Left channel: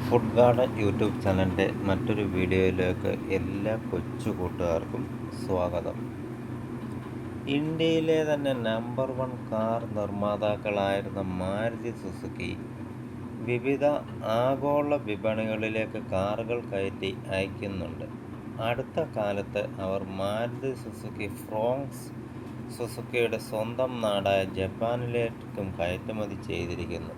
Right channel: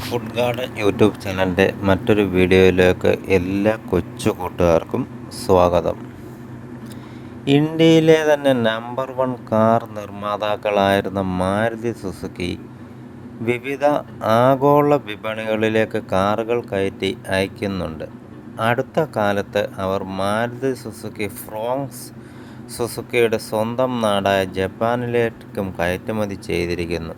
Food garden YouTube ചാനലിൻ്റെ മറ്റൊരു വീഡിയോയിലേക്ക് എല്ലാ കൊച്ചു കൂട്ടുകാർക്കും സ്വാഗതം. ഇന്ത്യയിലെ തന്നെ നമ്പർ 1 കാർ നിർമ്മാതാക്കളായിരുന്ന മാരുതി സുസുക്കി വിവിധ ആഗോള വിപണികളിലേക്ക് കാറുകൾ കയറ്റി അയക്കുന്നുണ്ട്. അടുത്ത കാലത്ത് അവർ മാരുതി സുസുക്കി ഫ്രോങ്സ് സുസുക്കിയുടെ സ്വന്തം നാടായ ജപ്പാനിലേക്കും കയറ്റുമതി ചെയ്തിരിക്കുന്നു.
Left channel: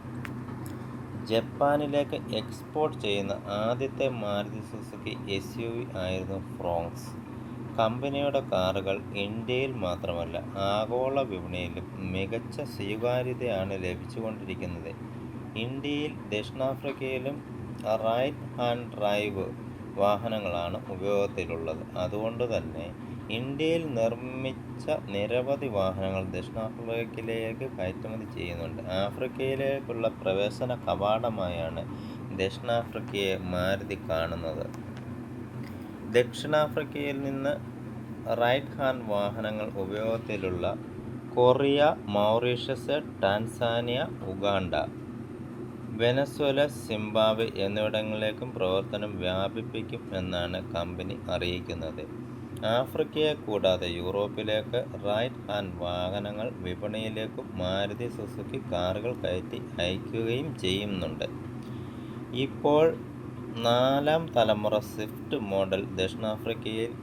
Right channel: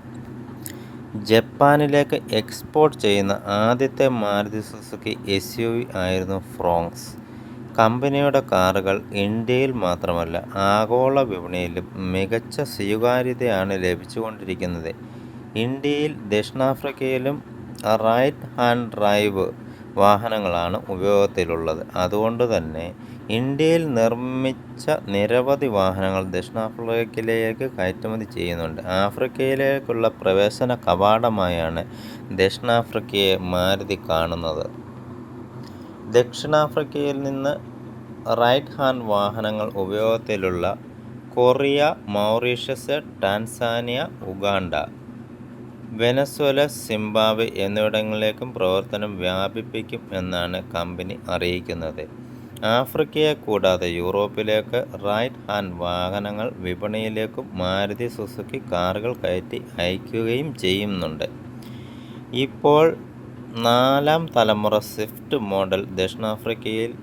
ജപ്പാനിലേക്ക് എക്സ്പോർട്ട് ചെയ്യുന്ന ആദ്യത്തെ മാരുതി സുസുക്കി SUV ആയിരുന്നു ഫ്രോങ്സ്. കമ്പനിയുടെ കാറുകൾ ഇന്ത്യയിൽ മാത്രമല്ല ആഗോള വിപണിയിലും മികച്ച സ്വീകാര്യതയാണ് ലഭിച്ചുകൊണ്ടിരിക്കുന്നത്. ഇന്ത്യയിൽ, ദക്ഷിണാഫ്രിക്കയിലും റൈറ്റ് ഹാൻഡ് ഡ്രൈവ് വാഹനങ്ങളാണ് ഉപയോഗത്തിലുള്ളത്. അതുകൊണ്ടുതന്നെ ഇന്ത്യയിൽ നിർമ്മിച്ച നിരവധി വാഹനങ്ങൾ ദക്ഷിണാഫ്രിക്കയിലേക്ക് കയറ്റുമതി ചെയ്യുന്നുണ്ട്. ആഫ്രിക്കയിലേക്കുള്ള പ്രവേശന കവാടമായാണ് ദക്ഷിണാഫ്രിക്കയെ മാരുതി കാണുന്നത്. ദക്ഷിണാഫ്രിക്കയിൽ നിന്ന് റൈറ്റ് ഹാൻഡ് വാഹനങ്ങൾ ഉപയോഗത്തിലുള്ള Korea, Mauritius, Tanzania, Uganda, Venezuela, Zimbabwe എന്നിവിടങ്ങളിലേക്കും പ്രവർത്തനം വ്യാപിപ്പിക്കും എന്നാണ് കമ്പനി അറിയിക്കുന്നത്. ആഫ്രിക്കയെ കൂടാതെ യൂറോപ്പിലേക്ക് റൈറ്റ് ഹാൻഡ് വാഹനങ്ങൾ വിപണിയിലേക്കും മാരുതി സുസുക്കി കാറുകൾ കയറ്റി അയക്കുകയും ചെയ്യുന്നുണ്ട്. ഇപ്പോൾ 4ാം തലമുറ സ്വിഫ്റ്റ് മോഡൽ ദക്ഷിണാഫ്രിക്കയിൽ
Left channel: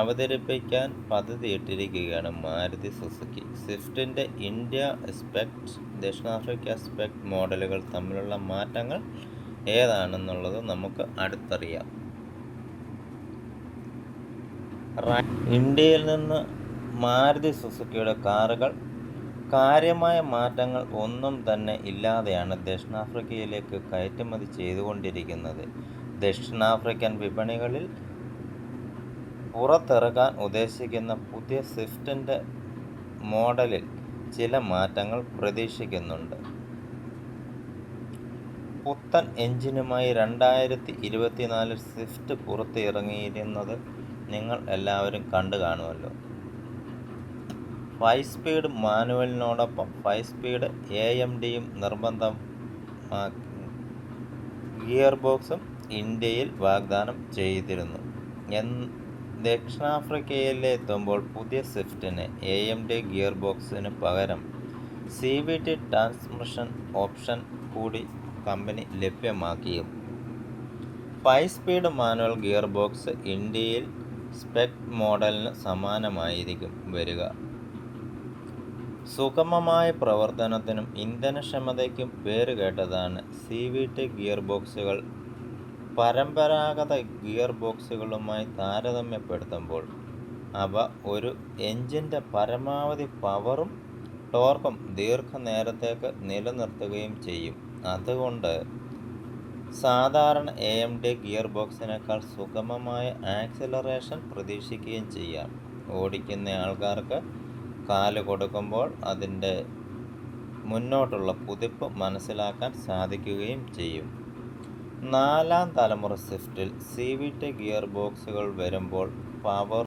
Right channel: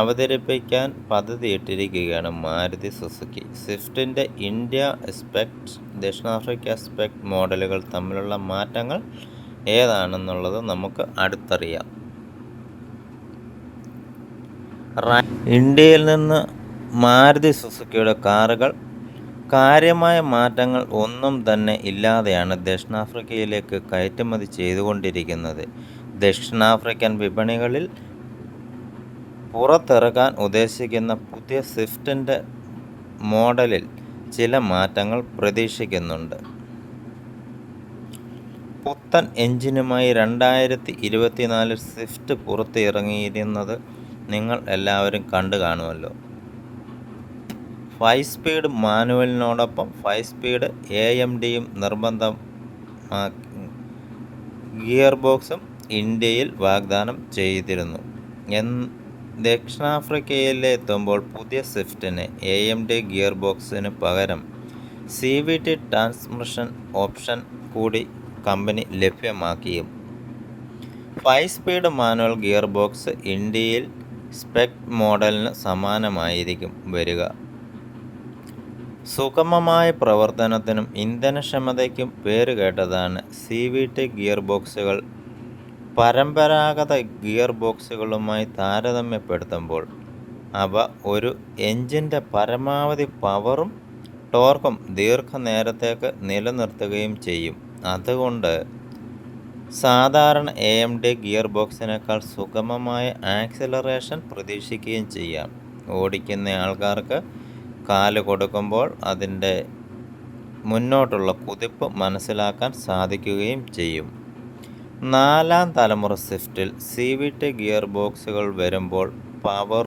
അവതരിപ്പിക്കാൻ പദ്ധതിയിട്ടിരിക്കുകയാണ് മാരുതി സുസുക്കി. സ്വിഫ്റ്റിൻ്റെ ഇന്ത്യ സ്പെക്, ദക്ഷിണാഫ്രിക്ക സ്പെക് മോഡലുകൾ തമ്മിലുള്ള മാറ്റങ്ങൾ ഏതാണെന്നുള്ളത് നമുക്ക് അടുത്തറിയാം. ഇന്ത്യയിൽ നിന്ന് മാരുതി സുസുക്കിയുടെ കാറുകൾ കാര്യമായ മാറ്റങ്ങൾ ഒന്നും തന്നെ ഇല്ലാതെയാണ് ദക്ഷിണാഫ്രിക്കയിലേക്ക് കയറ്റുമതി ചെയ്തുകൊണ്ടിരിക്കുന്നത്. ദക്ഷിണാഫ്രിക്കൻ വിപണികളിൽ പുറത്തിറക്കാൻ ഉദ്ദേശിക്കുന്ന പുതിയ സ്വിഫ്റ്റിൻ്റെ മോഡലിൽ ചില മാറ്റങ്ങൾ പ്രതീക്ഷിക്കുന്നുണ്ട്. പുത്തൻ എഞ്ചിനുമായി 2024 സ്വിഫ്റ്റ് പുറത്തിറങ്ങിയിരുന്നത് നിങ്ങൾ എല്ലാവരും കണ്ടു കാണുമല്ലോ. 5 സ്പീഡ് മാനുവലിനോടൊപ്പം 5 സ്പീഡ് AMDയും നിർബന്ധം ഗിയർ ബോക്സും ഇന്ത്യയിൽ വാഗ്ദാനം ചെയ്തിരുന്നു. ദക്ഷിണാഫ്രിക്കയിലെത്തുമ്പോൾ പുതിയ സ്വിഫ്റ്റിന് AMD ഗിയർ ബോക്സിന് പകരം CVT ട്രാൻസ്മിഷൻ ഓപ്ഷൻ കൂടി കമ്പനി ലഭ്യമാക്കിയും. 5 സ്പീഡ് മാനുവൽ ഗിയർ ബോക്സ് ഇന്ത്യയിൽ സ്പെക് മോഡലിന് സമാനമായിരിക്കും വരിക. സുഗമമായ പ്രവർത്തനത്തിനും ഇന്ധനക്ഷമതയ്ക്കും പേരുകേട്ടതാണ് CVT ഗിയർ ബോക്സുകൾ. പരമ്പരാഗത ഗിയർ ബോക്സുകളുമായി താരതമ്യപ്പെടുത്തുമ്പോൾ അവ ഒരു എഞ്ചിൻ്റെ പരമാവധി പവറും ടോർക്കും ദീർഘനേരത്തേക്ക് നിലനിർത്തുകയും ചെയ്യും. അതുകൊണ്ട് സാധാരണ AMD ഗിയർ ബോക്സിനേക്കാൾ സുഗമമായ ആക്സിലറേഷൻ പ്രതീക്ഷിക്കുകയും ചെയ്യാം. ഓടിക്കുന്ന ആൾക്കാർക്ക് കാല് കൊടുക്കുമ്പോൾ അതിൻ്റെ മുന്നോട്ടുള്ള കുതിപ്പ് മനസ്സിലാക്കാൻ സാധിക്കുകയും ചെയ്യും. 4ാം തലമുറ സ്വിഫ്റ്റിൽ CVT ഗിയർ ബോക്സുകൾ വരുമ്പോൾ പവർ